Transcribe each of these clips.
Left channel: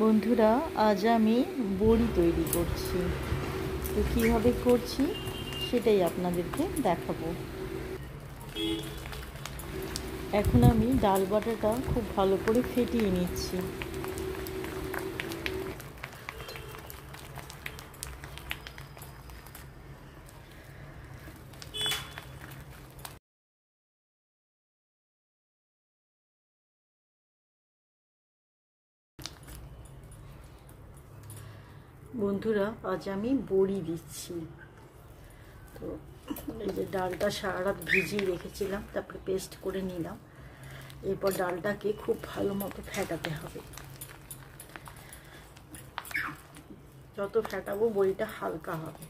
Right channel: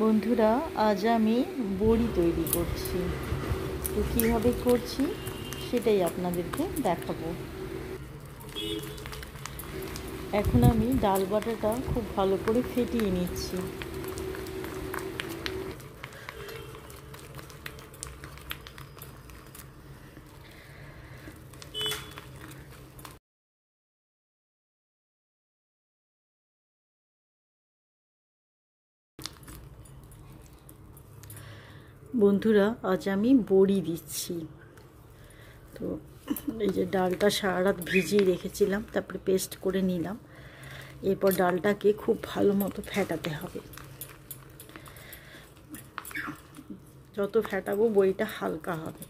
বন্ধুরা, আজ আমি বড়ি তৈরি করছি। তো কীভাবে করছি সেটাই আপনাদেরকে দেখাবো। এখন আমি ডাল বাটাটা খুব ভালো করে ফেটিয়ে নিচ্ছি। বন্ধুরা, আজ আমি বড়ি দিচ্ছি। তো এই যে ডালটা সারা রাত ভিজিয়ে রেখেছিলাম, তারপরে পেস্ট করে নিলাম। এরপর ডালটাকে খুব ভালো মতো ফেটাতে হবে। যত ফেটাবো বড়িটা হালকা হবে।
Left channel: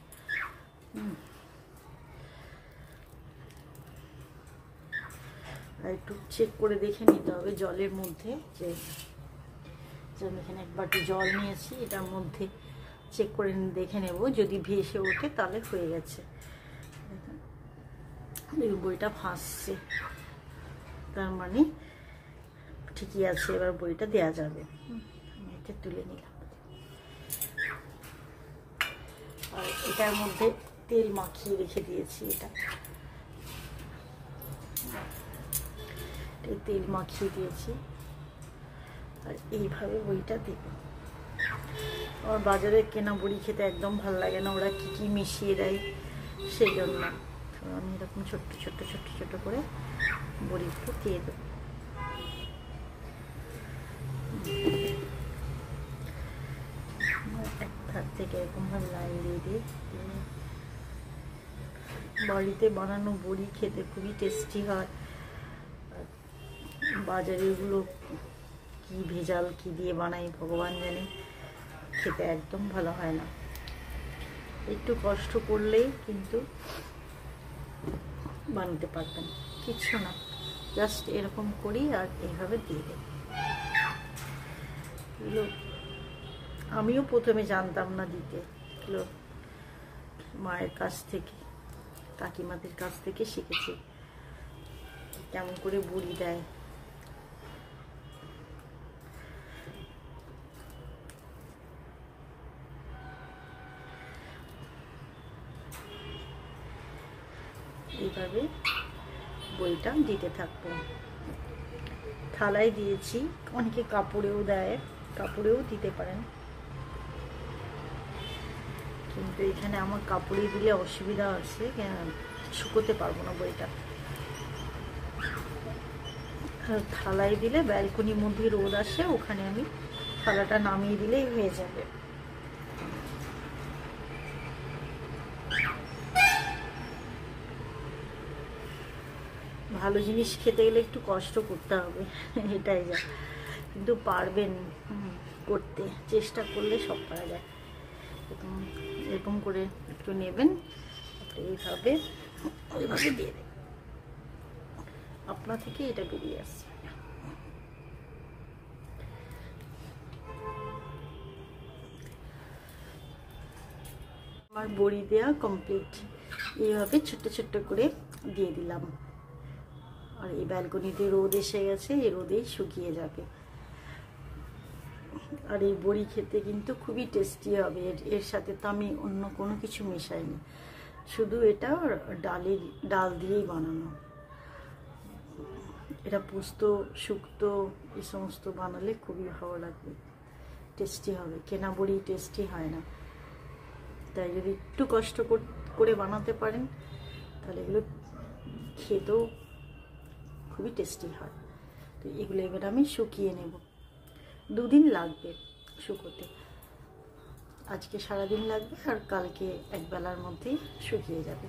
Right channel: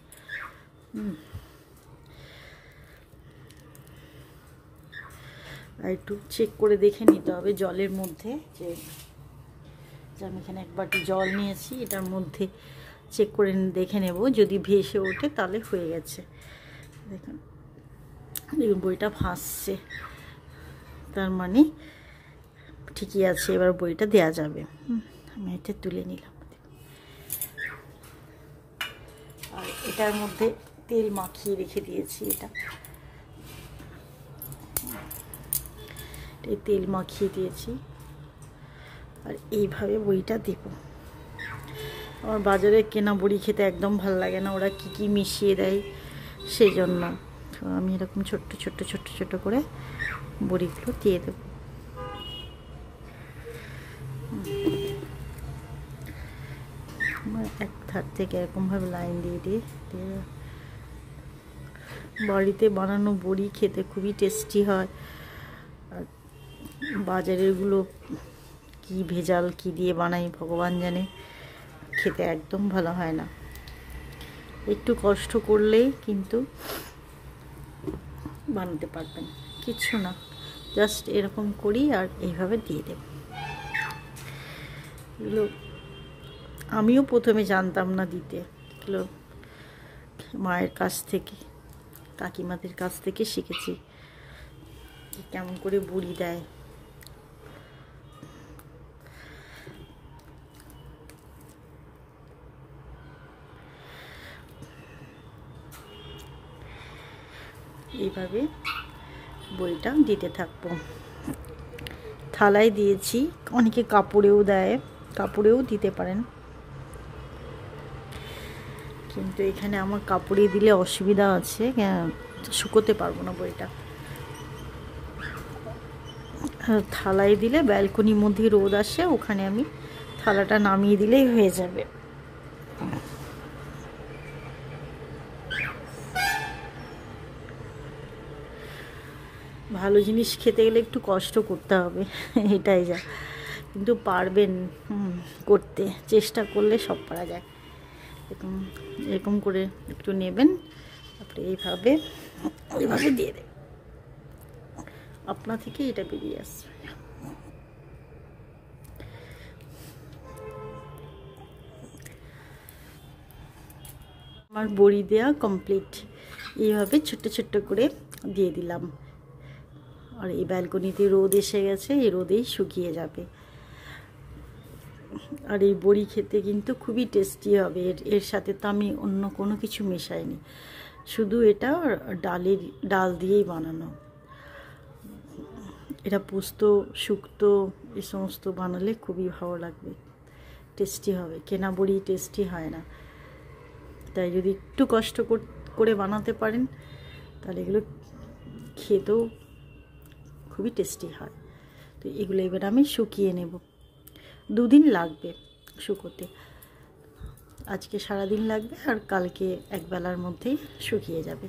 আর একটু চেক করে দেখে নিতে হবে জলের মধ্যে, যে আমি এখানে এক বাটি জল নিয়েছি, এটার মধ্যে চেক করে দেখে নেব। যদি ভেসে ওঠে তাহলে হয়ে গেছে। দেখুন বড়িটা ভাসছে, তার মানে ঠিকই আছে, এবার বড়িটা দেওয়া যাবে। আমি এটা তুলে নিলাম। আর এটার মধ্যে তেল মাখিয়ে রেখে দিয়েছি। তেল মাখিয়ে দিয়েছি, আর এইভাবে বড়িটা দেব। আমার বাজারে কেনা বড়ি খেতে একদম ভালো লাগে না, ওরা কি কি মিশিয়ে দেয় সেই জন্য। আমি এরকম ছোট্ট ছোট্ট ছোট্ট ছোট্ট করে বড়িগুলো দিয়ে দেব। এক ধার থেকে এরকমভাবে লাইন দিয়ে দিয়ে বাড়িতে বানানো বড়ি খেতে খুবই টেস্টি হয়। আর বাজারেরগুলো কি ভেজাল কি দিয়ে বানাই ভগবান জানে, খেতে একদম ভালো হয় না। একটু কষ্ট করলেই কিন্তু বানাতে পারবেন, কিছু না, জাস্ট এরকম করি আর এইভাবে দিয়ে দেব। এগুলো আমিও প্রথমে জানতাম না দিতে, এগুলো মায়ের কাছ থেকে, কাকিমাদের কাছ থেকে শিখেছি কেমন করে বড়ি দেয়। এইভাবে বড়িটা দিতে থাকবো। থালায় দিয়েছি, অনেকে কাপড়েও দেয়, কাপড়েও দিতে পারেন, কিন্তু এখানে আমার কাপড়ে দিলে অসুবিধা আছে, শুকোতে পারবো না বড়িটা। থালায় দিলে ব্যালকনির মধ্যে রোদ আসে, ওখানে আমি থালাটা নামিয়ে দিলেই হয়ে যাবে। ভালো জিনিস খেতে গেলে একটু কষ্ট করতে হবে, এটাই যা, কিন্তু পারবেন করতে, চেষ্টা করলে সব পারা যায়। এরকম করে একটু নেবেন, তারপরে এইভাবে দিয়ে দেবেন, আপনা থেকে এটা বেরিয়ে আসবে। আমার বড়ি দেওয়া কমপ্লিট। এইভাবে ছোট্ট ছোট্ট করে দিয়ে দিলাম। আর এই ব্যালকনিতে রোদ এসে গেছে, এই রোদেই শুকিয়ে যাবে। আর এই বড়ি খেতে কিন্তু খুবই টেস্টি হবে। এর সাথে তো আমি অন্য কোনো কিছু মেশাইনি, শুধু এটা ডাল দিয়েই বানানো। এটা পোস্ত শুক্তো এই সমস্ত বানালে খুবই ভালো লাগবে, টেস্টি হবে। কেনা বড়ি টেস্টি হয় না, তাই যদি একটু কষ্ট করে বানাতে পারেন তাহলে এগুলো খেতেও খুবই টেস্টি হয়। তো এগুলো এবার আমি শুকিয়ে নেব। 2 দিন লাগবে শুকোতে, আজকে সারাদিন লাগবে আর কালকে একবেলার মধ্যেই শুকিয়ে যাবে।